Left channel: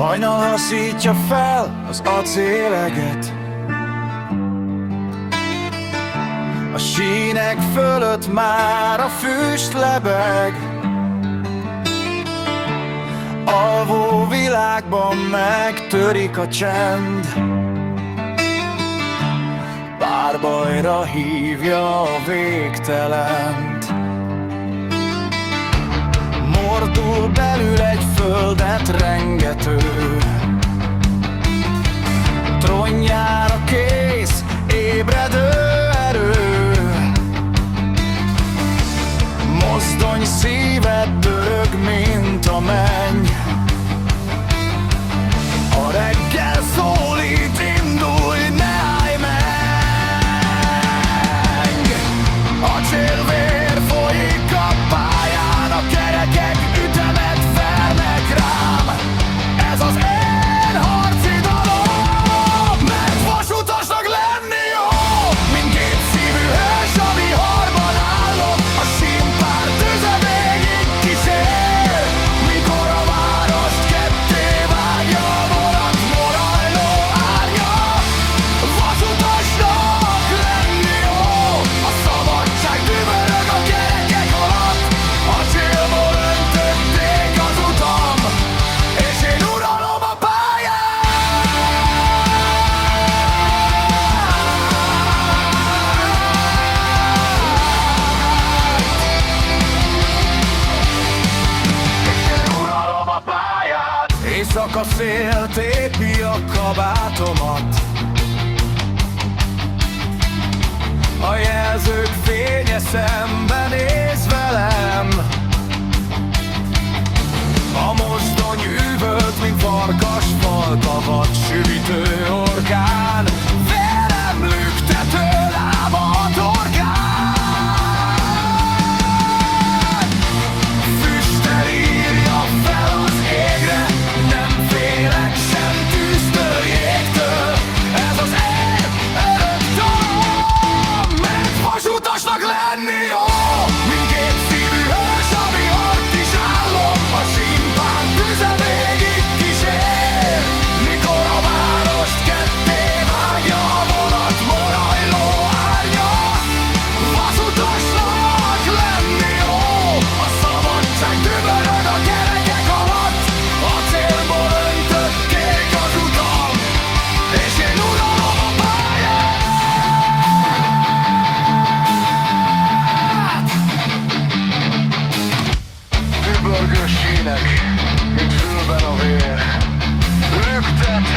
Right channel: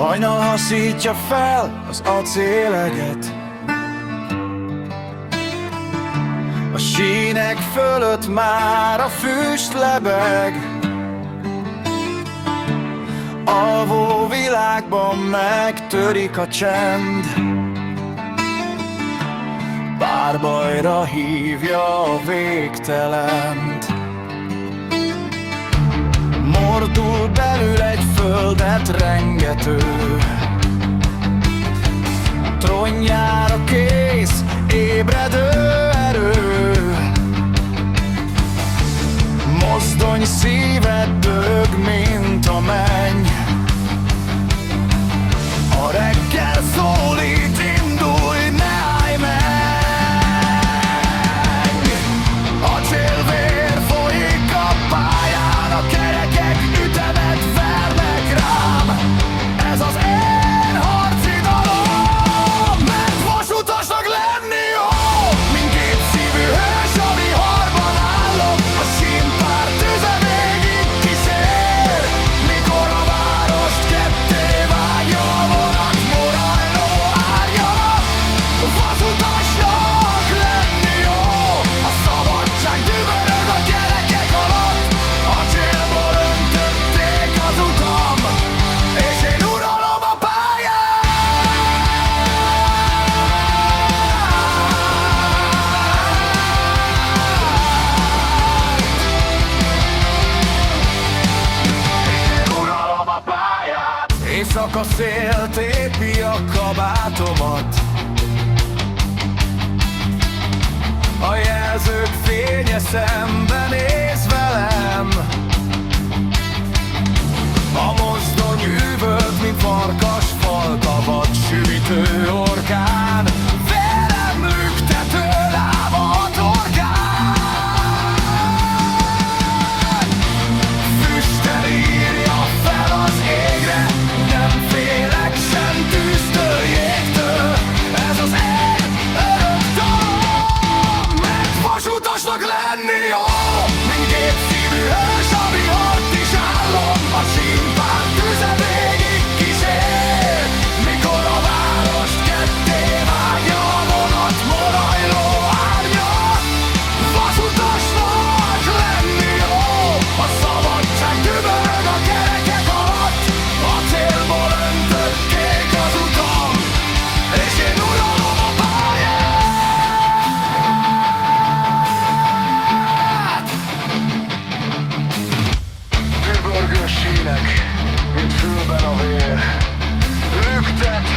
Hajnal haszítja fel az acéleget, a sínek fölött már a füst lebeg. Alvó világban megtörik a csend, párbajra hívja a végtelent. Mordul belül egy földet rengető, trónjára kész, ébredő erő. Mozdony szíved dög, mint a menny. A reggel szólít, indulj, ne állj meg! Acélvér folyik a pályán, a kerekek ütemet vernek rám. Ez az én harcidalom, mert vasutasnak lenni jó, mint gépszívű hős a viharban állok. A sínpár tüze végig kísér, mikor a várost ketté vágja a vonat morajló árja. Vasutasnak lenni jó, a szabadság dübörög a kerekek alatt. Acélból öntötték az utam, és én uralom a pályát. Éjszaka szél tépi a kabátomat, a jelzők fénye szembenéz velem. A mozdony üvölt, mint farkas falka, vadsüvítő orkán. Vérem lüktető lába a torkán. Füsttel írja fel az égre, nem félek sem tűztől, jégtől. Ez az én örök dalom, mert vasutasnak lenni jó, mint gépszívű hős a vihart is állom. A sínpár tüze végig kísér, mikor a várost ketté vágja a vonat morajló árnya. Vasutasnak lenni jó, a szabadság dübörög a kerekek alatt. Acélból öntötték az utam, és én uralom a pályát. Dübörgő sínek, mint fülben a vér, lüktet